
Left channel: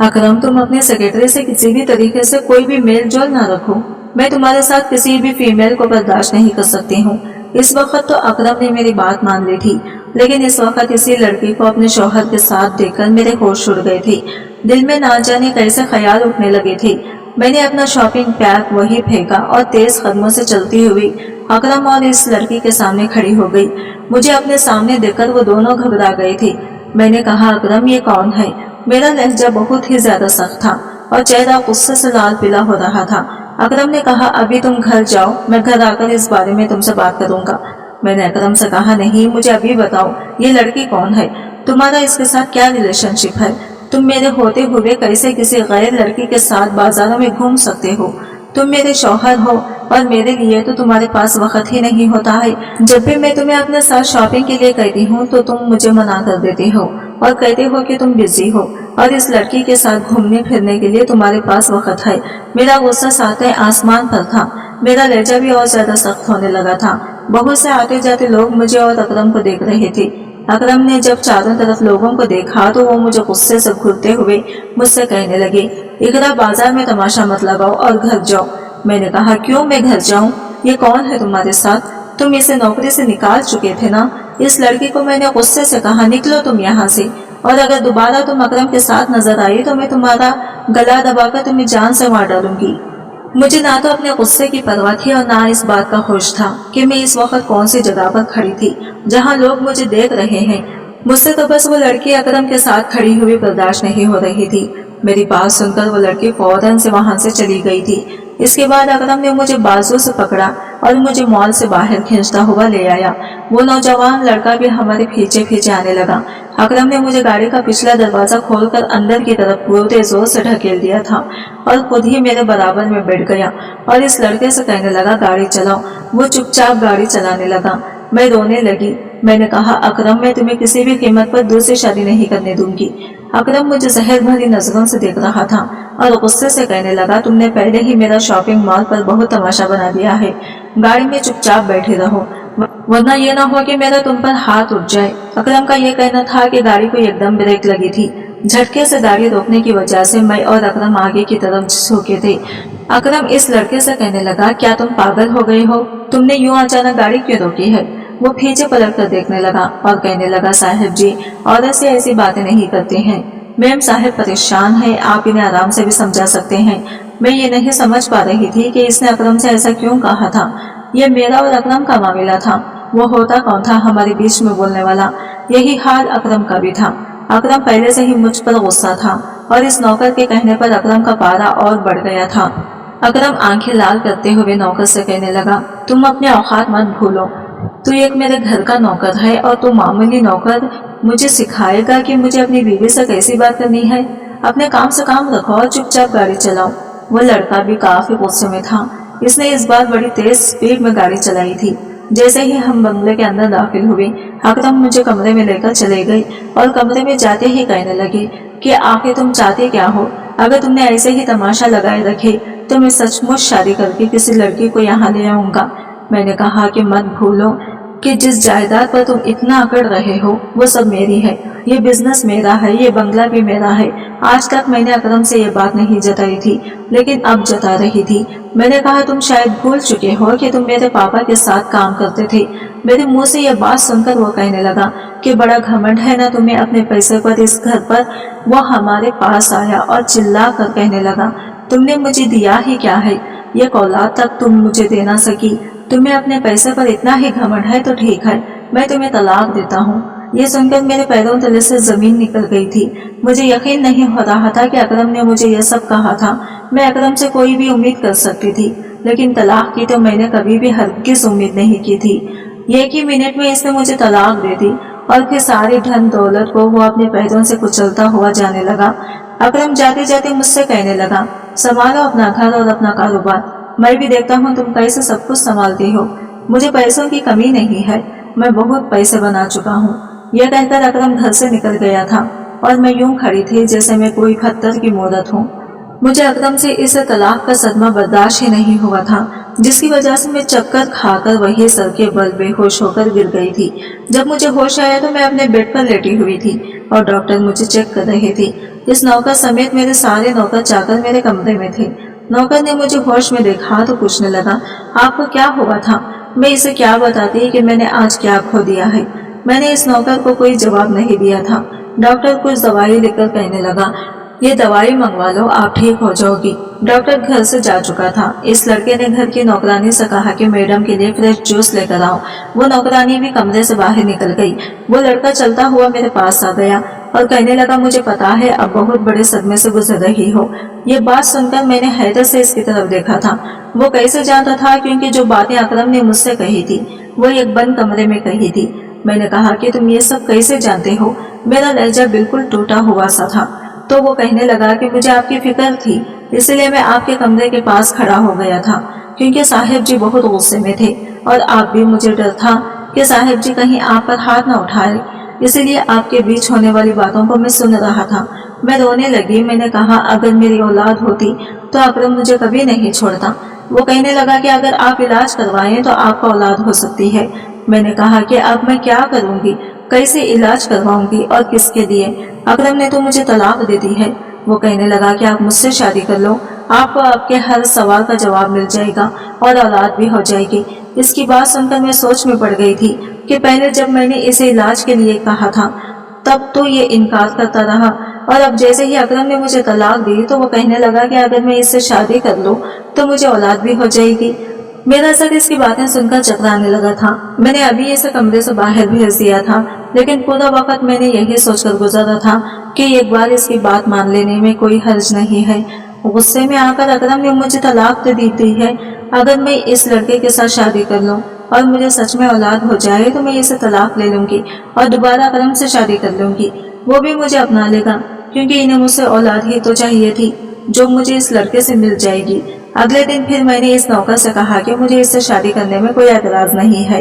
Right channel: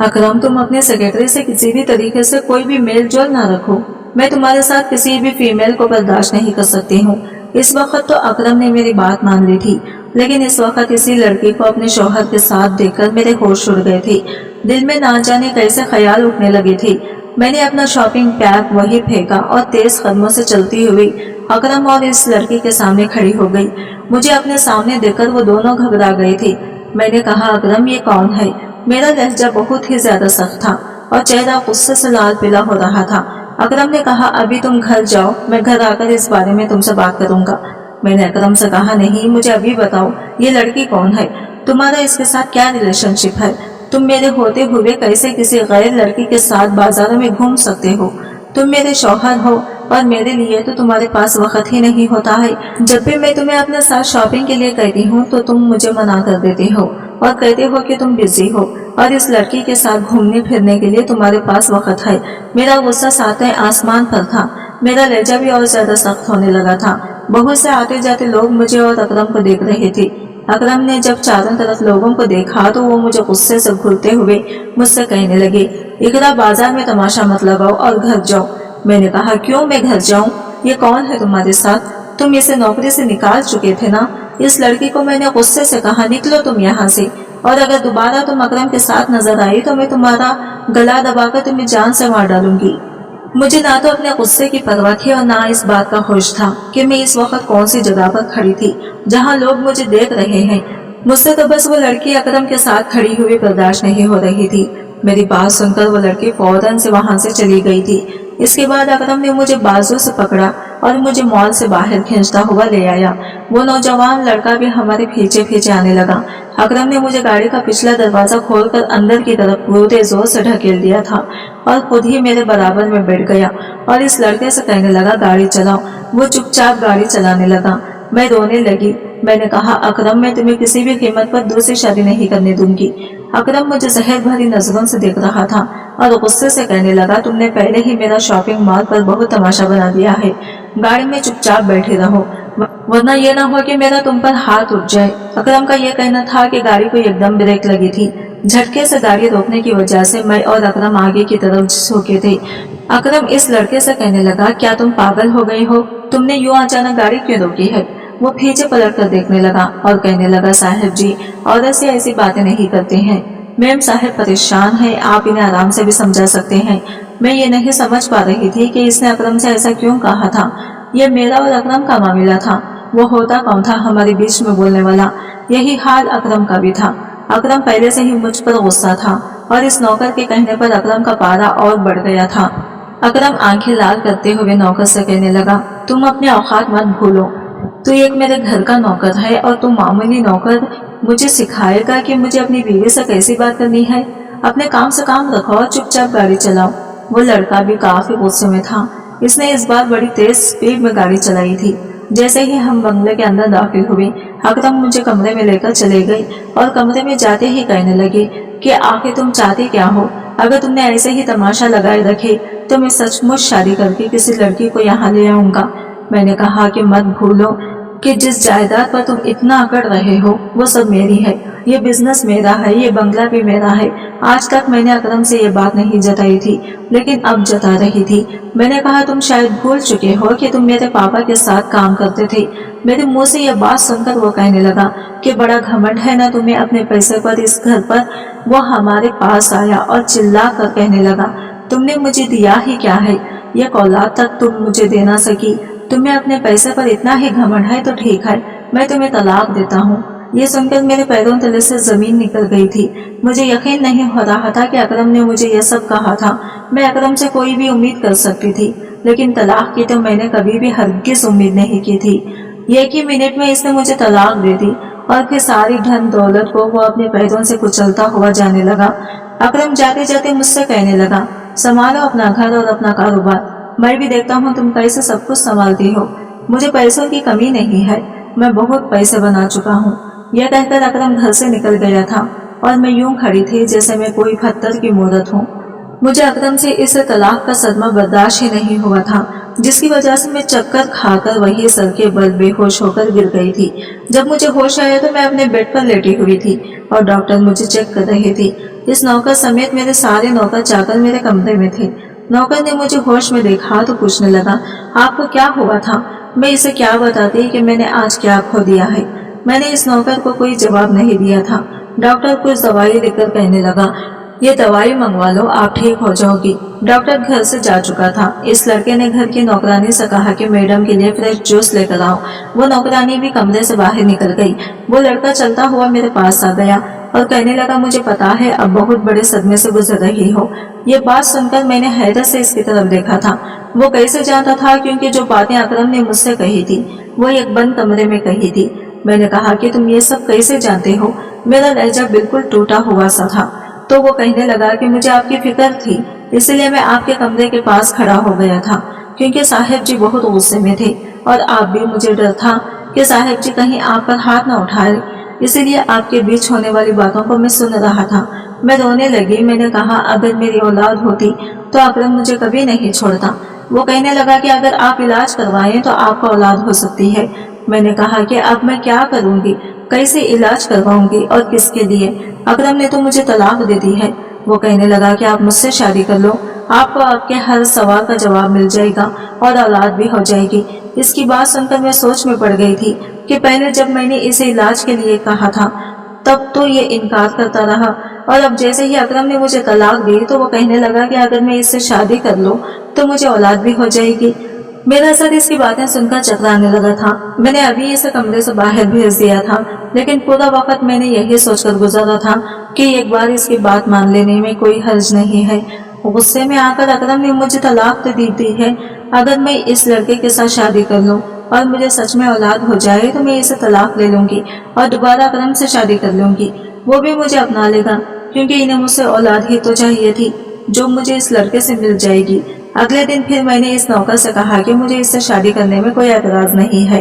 अकरम तुम अपने सेक्रेटरी से किसी भी तरीके से कोई भी मेल जोल ना रखो। मैं तुम्हारे साथ किसी भी फीमेल को बर्दाश्त नहीं कर सकती हूँ। इस वक्त तो अकरम ने मेरी बात मान ली थी, लेकिन इस वक्त इसी लड़की को अपने शौहर के साथ देखकर मेरे होश उड़ गए थे। दिल में ना जाने कैसे ख्याल उठने लगे थे। मैंने अपना शॉपिंग बैग वहीं फेंका और तेज कदमों से चलती हुई अकरम और इस लड़की के सामने खड़ी हो गई। मुझे अपने सामने देखकर वो दोनों घबरा गए थे। मैंने कहा अकरम ये कौन है? मेरा लहजा बहुत ही ज्यादा सख्त था और चेहरा गुस्से से लाल पीला हो रहा था। अकरम ने कहा अभी तुम घर जाओ, मैं घर आकर इस बारे में तुमसे बात करूंगा। मैंने अकरम से कहा नहीं, मुझे अभी बताओ ये लड़की कौन है? तुम्हारा इसके साथ क्या रिलेशनशिप है? तुम मेरे होते हुए कैसे किसी गैर लड़की के साथ बाजारों में घूम सकते हो? तुम मेरे शौहर हो और मेरे लिए तो तुम्हारे पास वक्त ही नहीं होता है। जब भी मैं तुम्हें अपने साथ शॉपिंग के लिए कहती हूँ तो तुम मुझे मना कर देते हो और कहते हो कि तुम बिजी हो और इस लड़की के साथ घूमने फिरने के लिए तुम्हारे पास वक्त है। मेरा गुस्सा सातवें आसमान पर था। मेरा लहजा भी और ज्यादा सख्त होने लगा था। बहुत से आते जाते लोग मुझे और अकरम को देख रहे थे। अकरम ने जब चारों तरफ लोगों को देखा तो वो मुझे गुस्से से घूरते हुए मुझसे कहने लगे इकरा बाजार में तमाशा मत लगाओ और घर जाओ। मैंने कहा क्यों मैं घर जाऊं? ये कौन है तुम्हारे साथ? तुम इसे नौकरी से निकाल चुके थे ना? इस लड़की को मैंने गुस्से से कहा निकलो तुम यहाँ से, और अगर दोबारा तुम अकरम के साथ नजर आई तो मैं तुम्हारा गला दबाकर तुम्हें जान से मार डालूंगी। मुझे ना तो अपने गुस्से की परवाह थी और ना इस बात का होश था कि मैं इस वक्त कौन सी जगह पर खड़ी थी जहाँ लोग मुझे देख रहे हैं। मुझसे तो बस वो लड़की अकरम के साथ खड़ी हुई बर्दाश्त नहीं हो रही थी। मेरी बात सुनकर वो लड़की फौरन से वहां से चली गई थी। इसके बाद अकरम ने मुझे बाजू से पकड़ा और मुझे मॉल से बाहर खींचता हुआ ले आया। वो नौजवान लड़का भी हमारे पीछे पीछे आने लगा। अकरम ने मुझे गाड़ी का पिछला दरवाजा खोलकर अंदर की तरफ पूरे जोर से ढकेल दिया था और खुद ही मेरे बराबर में बैठ गया और इस लड़के से कहने लगा गाड़ी चलाओ। वो चुपचाप गाड़ी चलाने लगा। मैं रोने लगी। मैंने कहा अकरम मैं तुम्हें किसी भी कीमत पर दूसरी शादी नहीं करने दूंगी। अकरम मुझे जहर भरी नजरों से देख रहा था और गुस्से से कहने लगा तुमने पहले ही मेरा शॉपिंग मॉल पर बहुत तमाशा बना दिया है। गाड़ी में चुपचाप बैठे रहो। वरना ये ना हो कि मेरा तुम पर हाथ उठ जाए। अकरम का ये कहना था कि गाड़ी को एकदम ब्रेक लगी थी। झटके से गाड़ी रोकने की वजह से मैं और अकरम आगे की तरफ झुके थे। अकरम इस लड़के से कहने लगा, क्या तुम पागल हो गए हो? तुमने यूं अचानक गाड़ी क्यों रोकी है? वो पीछे पलट कर देखने लगा और कहने लगा, साहब जी, औरत से ऐसी बातें नहीं करते हैं। मैम साहब परेशान है, आप इन्हें आराम से भी समझा सकते हैं। मैं ये नहीं समझ पा रही थी कि इसने अकरम से ऐसा क्यों कहा था। ये मेरा और अकरम का मामला था। वो होता कौन था हमारे बीच में बोलने वाला? यही हाल अकरम का भी था। अकरम पहले से ही मुझ पर गुस्सा था और इस नौकर के कहने पर अकरम का पारा और बढ़ गया था। अकरम आंखें लाल करते हुए नौकर से कहने लगा, तुम अपने औकात मत भूलो। तू एक मेरे घर का नौकर है और तू मामूली नौकर मुझे सिखाएगा कि मुझे अपनी बीवी से कैसी बात करनी है? अपने काम से काम रखो और चुपचाप गाड़ी चलाओ। वो लड़का भी काफी गुस्से में था। इसने इस बार बड़ी तेज स्पीड में गाड़ी चलाई थी। जैसे ही हम बंगले के अंदर दाखिल हुए, अकरम मुझे कमरे में लेकर चले गए और कमरे में जाते ही कहने लगे कि आखिर तुम चाहते क्या हो? अगर तुमने ऐसे ही तमाशा लगाए रखे तो मैं सचमुच शादी करके किसी लड़की को यहाँ ले आऊंगा। मैंने कहा कि मत भूलो कि जिस जायदाद पर तुम इतना अकड़ रहे हो वो सब मेरी है। ये बिजनेस मेरा है, ये बंगला भी मेरा है। आज तक मैंने अकरम से ये बात नहीं जताई थी, लेकिन अब जता रही थी। मैंने कहा, तुम शायद भूल चुके हो कि तुम मेरे पापा के साथ काम करते थे। मेरे मुंह से यह बात सुनकर वो कहने लगा कि बड़ा घमंड है ना तुम्हें अपने पैसे पर, इस घर पर। वो हमारे पास आया और चिल्ला कर कहने लगा, तुमने मुझे दिया ही क्या है? ये औलाद तक तुम मुझे दे ना सकी। तुम्हें अपने पैसे पर इतना ही घमंड है तो ठीक है, मैं तुम्हें तलाक देता हूँ। ये सुनकर मेरे पैरों तले से जमीन निकल गई थी। मुझे यकीन नहीं हो रहा था कि अकरम ने मुझे यह सब कहा था। मैं अकरम से कोई भी उम्मीद कर सकती थी, लेकिन तलाक की तो मैंने कभी भी हरगिज उम्मीद नहीं की थी। एक ही मिनट में इसने मुझे तलाक दे दी और फिर सारी धन दौलत को वो अपने पैरों से कुचलता हुआ जाने लगा। अकरम जाते जाते मुझसे कहने लगा, संभालो अपना घर और अपना कारोबार। मैं भी देखता हूँ तुम कैसे सब कुछ संभालती हो। मुझे पैसों की कमी नहीं है, मैं बहुत पैसे बना चुका हूँ। यह कहकर अकरम घर से निकल गया था और मैं यूं खड़ी थी जैसे मैं कोई पत्थर की मूरत हूँ। मुझे अकरम से इस तलाक का सदमा बर्दाश्त ही नहीं हुआ था, जिसकी वजह से मैं चक्कर खाकर वही सर के बल बेहोश होकर गिर गई थी। जब मुझे होश आया तो मैं अपने बेड पर लेटी हुई थी और डॉक्टर मुझे चेक कर रहे थे। इस नौकर समेत मेरे सारे नौकर चाकर मेरे कमरे में थे। नौकर ने मुझे होश में देखा तो पूछने लगा, आपको क्या हुआ था? मैं इसे क्या बताती कि मैंने आज क्या खो दिया है। मैंने इस नौकर को कोई जवाब नहीं दिया था। डॉक्टर कुछ दवाई लेकर कहने लगा, ये दवाई मंगवा लो, आप ठीक हो जाओगी। डॉक्टर घर से जा चुका था। इस लड़के ने घर की नौकरानी से कहा कि मैडम के लिए फ्रेश जूस लेकर आओ। वो नौकरानी भी कमरे से बाहर निकल गई। वो लड़का चलता हुआ मेरे पास आ गया और कहने लगा, मुझे पता है अब बहुत बड़े सदमे से गुजर रही हो। ये बात सुनकर मैंने हैरत से इसकी तरफ देखा था। वो कैसे जानता था? क्योंकि जो बातें अकरम ने मुझसे कही थी वो एक बंद कमरे में कही थी। मैंने कहा कि तुम ये सब कैसे जानते हो? मेरा लहजा बिल्कुल टूटा हुआ सा था। तो वो कहने लगा कि मुझे आपकी फिक्र थी, इसलिए मैं आपके कमरे के पास खड़ा हो गया था, क्योंकि साहिब जी बहुत गुस्से में थे और आप भी। मुझे डर था कि साहिब जी कहीं आप पर हाथ न उठाए, इसीलिए आपके बीच होने वाली बातों को मैं सुन रहा था। मैं रोने लगी। मैंने कहा, अगर मेरी औलाद होती तो अकरम मुझे कभी नहीं छोड़ता। वो कहने लगा कि अगर आप इलाज करवाएं तो आपका औलाद हो सकती है। मैंने कहा कि अब मैं क्या करूंगी, कैसे इलाज करवाऊंगी और किसके लिए? अकरम ने तो मुझे तलाक दे दी है। वो कहने लगा कि आप मुझसे शादी कर लो, आपको आपके हर सवाल का जवाब मिल जाएगा और औलाद भी हो जाएगी। इसकी बात सुनकर मैं सोच में पड़ गई थी कि पहले जब मैंने इसे इलाज के लिए कहा था तब तो ये इनकार करता रहा, और अब जैसे ही अकरम ने मुझे तलाक दी तो वो कहने लगा कि अगर मैं इससे शादी कर लूं तो मुझे औलाद भी हो जाएगी। मेरा सर इसकी बातें सुनकर चकराने लगा था। मैंने अभी इसे कमरे से बाहर भेज दिया था, लेकिन पूरा वक्त मैंने यही सोचकर गुजारा था कि एक बार इसकी बात मान लेने में कोई हर्ज नहीं है। गुस्से में आकर अकरम ने मुझे तलाक तो दी है। अगर मैं इस लड़के के साथ शादी कर लूं और मुझे सच में औलाद हो जाए तो मैं इसे तलाक ले लूंगी और दोबारा अकरम से शादी कर लूंगी। वो भी मुझे अपना लेगा, क्योंकि इन्हें मुझसे औलाद ही तो चाहिए थी जो मुझे इस लड़के से मिल जाएगी। अगले दिन फिर मैंने इस नौकर से कहा कि मुझे इससे शादी करने में कोई एतराज नहीं है।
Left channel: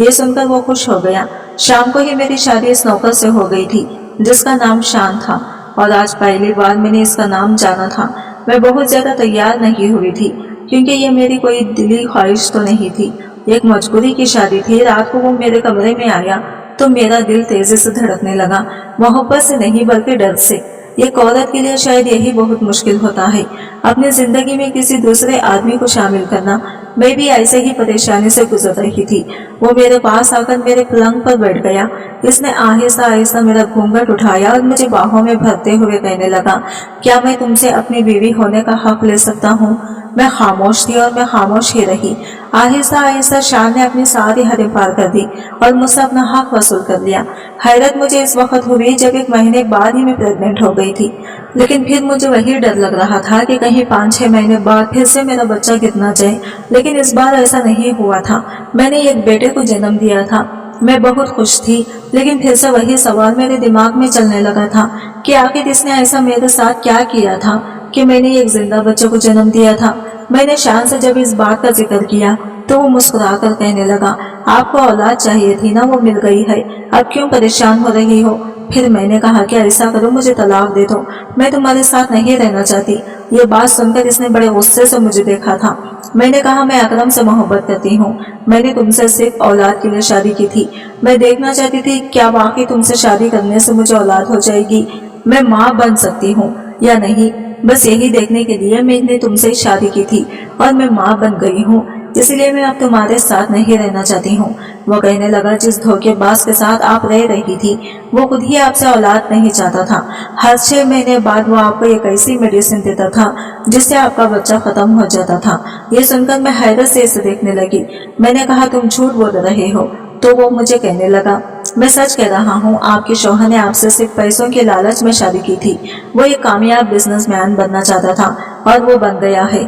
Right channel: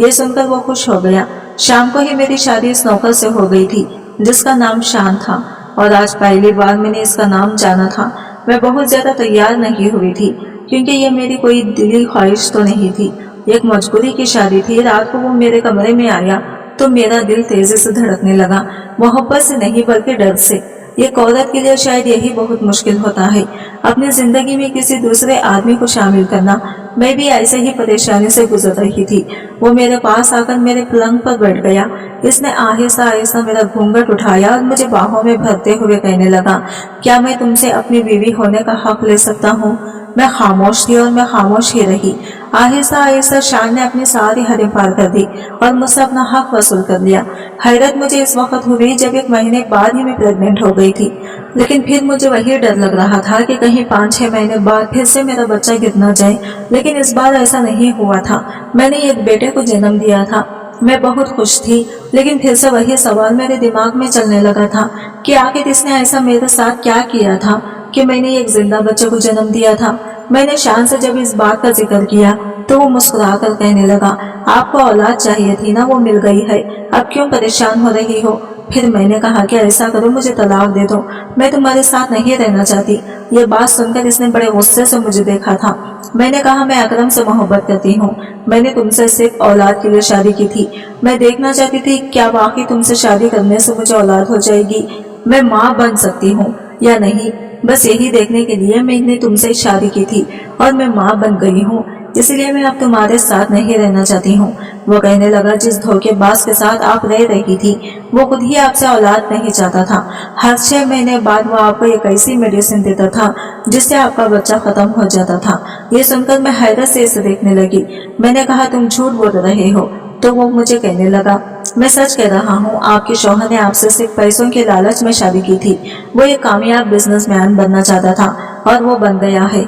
ये सुनकर वो खुश हो गया। शाम को ही मेरी शादी इस नौकर से हो गई थी जिसका नाम शान था, और आज पहली बार मैंने इसका नाम जाना था। मैं बहुत ज्यादा तैयार नहीं हुई थी, क्योंकि ये मेरी कोई दिली ख्वाहिश तो नहीं थी। एक मजबूरी की शादी थी। रात को वो मेरे कमरे में आया तो मेरा दिल तेजी से धड़कने लगा, मोहब्बत से नहीं बल्कि डर से। एक औरत के लिए शायद यही बहुत मुश्किल होता है, अपनी जिंदगी में किसी दूसरे आदमी को शामिल करना। मैं भी ऐसे ही परेशानी से गुजर रही थी। वो मेरे पास आकर मेरे पलंग पर बैठ गया। इसने आहिस्ता आहिस्ता मेरा घूंघट उठाया और मुझे बाहों में भरते हुए कहने लगा, क्या मैं तुमसे अपनी बीवी होने का हक ले सकता हूँ? मैं खामोश थी और मैं खामोश ही रही। आहिस्ता आहिस्ता शान ने अपनी सारी हदें पार कर दी और मुझसे अपना हक वसूल कर लिया। हैरत मुझे इस वक्त हुई जब 1 महीने बाद ही मैं प्रेग्नेंट हो गई थी, लेकिन फिर मुझे वही डर लग रहा था कि कहीं 5-6 महीने बाद फिर से मेरा बच्चा गिर ना जाए। लेकिन इस बार ऐसा नहीं हुआ था। मैंने एक बेटे को जन्म दिया था। मैं बहुत खुश थी, लेकिन फिर से वही सवाल मेरे दिमाग में चलने लगा था कि आखिर इसने ऐसा मेरे साथ क्या किया था कि मैंने एक जिंदा बच्चे को जन्म दिया था। मैंने शान से जब इस बात का जिक्र किया तो वो मुस्कुरा कर कहने लगा, आपको औलाद चाहिए थी ना, वो मिल गई है, अब क्यों परेशान हो रही हो? फिर मैंने कहा कि ऐसा करो, मुझे तलाक दे दो, मैं तुम्हारे साथ नहीं रहना चाहती। ये बात सुनकर इसने बड़े गुस्से से मुझे देखा था। मैंने कहा, मैं अकरम से मोहब्बत करती हूँ, मैंने तुमसे सिर्फ औलाद के लिए शादी की थी। मैं देखना चाहती थी क्या वाकई तुमसे शादी करने से मुझे औलाद हो जाएगी, मैं माँ बन सकती हूँ या नहीं। बस यही देखने के लिए मैंने तुमसे शादी की थी और मैं माँ बन गई हूँ, इसलिए मैं अब तुम्हारे साथ नहीं रहना चाहती हूँ। वो कहने लगा, जिस धोखेबाज के साथ आप रह रही थी वो खुद ही आपसे औलाद नहीं चाहता था। हर 6 महीने बाद वो आपको एक ऐसी मेडिसिन देता था जिससे आपका बच्चा खत्म हो जाता था। ये सुनकर मैं हैरत से इसे देखने लगी। मैंने कहा, तुम झूठ बोल रहे हो। तो वो मुझे कहने लगा, मैं सच कह रहा हूँ, आपके शौहर ने आपसे सिर्फ पैसों के लालच में शादी की थी। वो एक कामयाब बिजनेसमैन बनना चाहता था और वो बन गया है।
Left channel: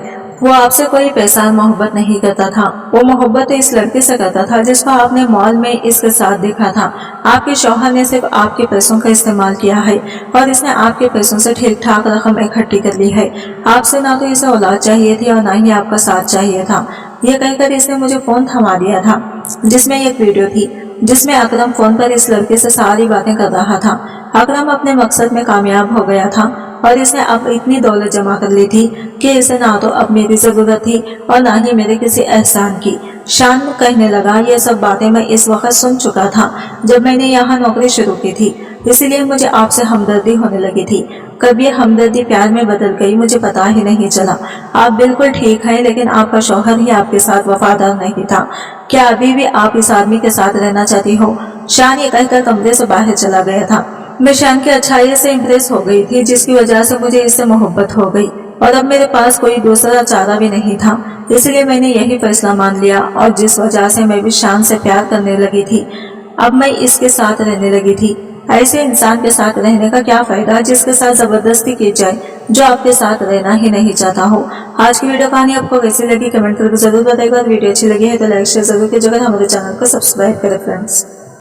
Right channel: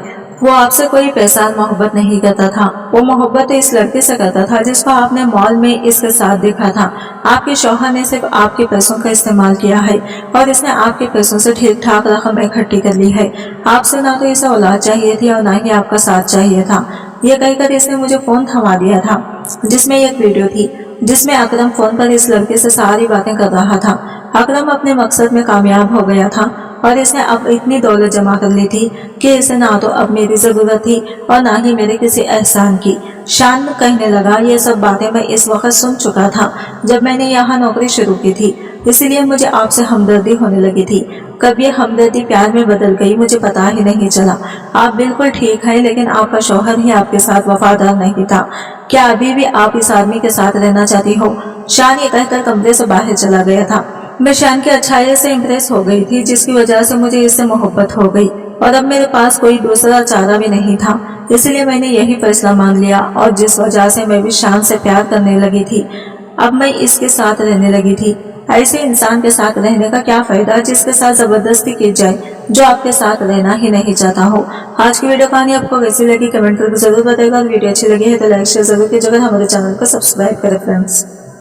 वो आपसे कोई पैसा और मोहब्बत नहीं करता था। वो मोहब्बत तो इस लड़के से करता था जिसको आपने मॉल में इसके साथ देखा था। आपके शौहर ने सिर्फ आपके पैसों का इस्तेमाल किया है और इसने आपके पैसों से ठीक ठाक रकम इकट्ठी कर ली है। आपसे ना तो इसे औलाद चाहिए थी और ना ही आपका साथ चाहिए था। ये कहकर इसने मुझे फोन थमा दिया था जिसमें एक वीडियो थी जिसमें अकरम फोन पर इस लड़के से सारी बातें कर रहा था। अकरम अपने मकसद में कामयाब हो गया था और इसने अब इतनी दौलत जमा कर ली थी कि इसे ना तो अब मेरी जरूरत थी और ना ही मेरे किसी एहसान की। शान कहने लगा, ये सब बातें मैं इस वक्त सुन चुका था जब मैंने यहाँ नौकरी शुरू की थी, इसीलिए मुझे आपसे हमदर्दी होने लगी थी। कब ये हमदर्दी प्यार में बदल गई मुझे पता ही नहीं चला। आप बिल्कुल ठीक हैं, लेकिन आपका शौहर ही आपके साथ वफादार नहीं था। क्या अभी भी आप इस आदमी के साथ रहना चाहती हो? शान ये कहकर कमरे से बाहर चला गया था। मैं शान की अच्छाई से इम्प्रेस हो गई थी, जिसकी वजह से मुझे इससे मोहब्बत हो गई और अब मेरे पास कोई दूसरा चारा भी नहीं था। इसलिए मैंने यही फैसला मान लिया और जिस वजह से मैं भी शान से प्यार करने लगी थी, अब मैं इसके साथ रहने लगी थी। ऐसे इंसान के साथ रहने का क्या फायदा जिसके साथ जबरदस्ती की जाए, जो आपके साथ रहना ही नहीं चाहता हो। आज की वीडियो कहानी आपको कैसी लगी कमेंट करके जरूर बताइएगा। वीडियो अच्छी लगी है तो लाइक शेयर जरूर कीजिएगा। हमारे चैनल को सब्सक्राइब करें फ्रेंड्स।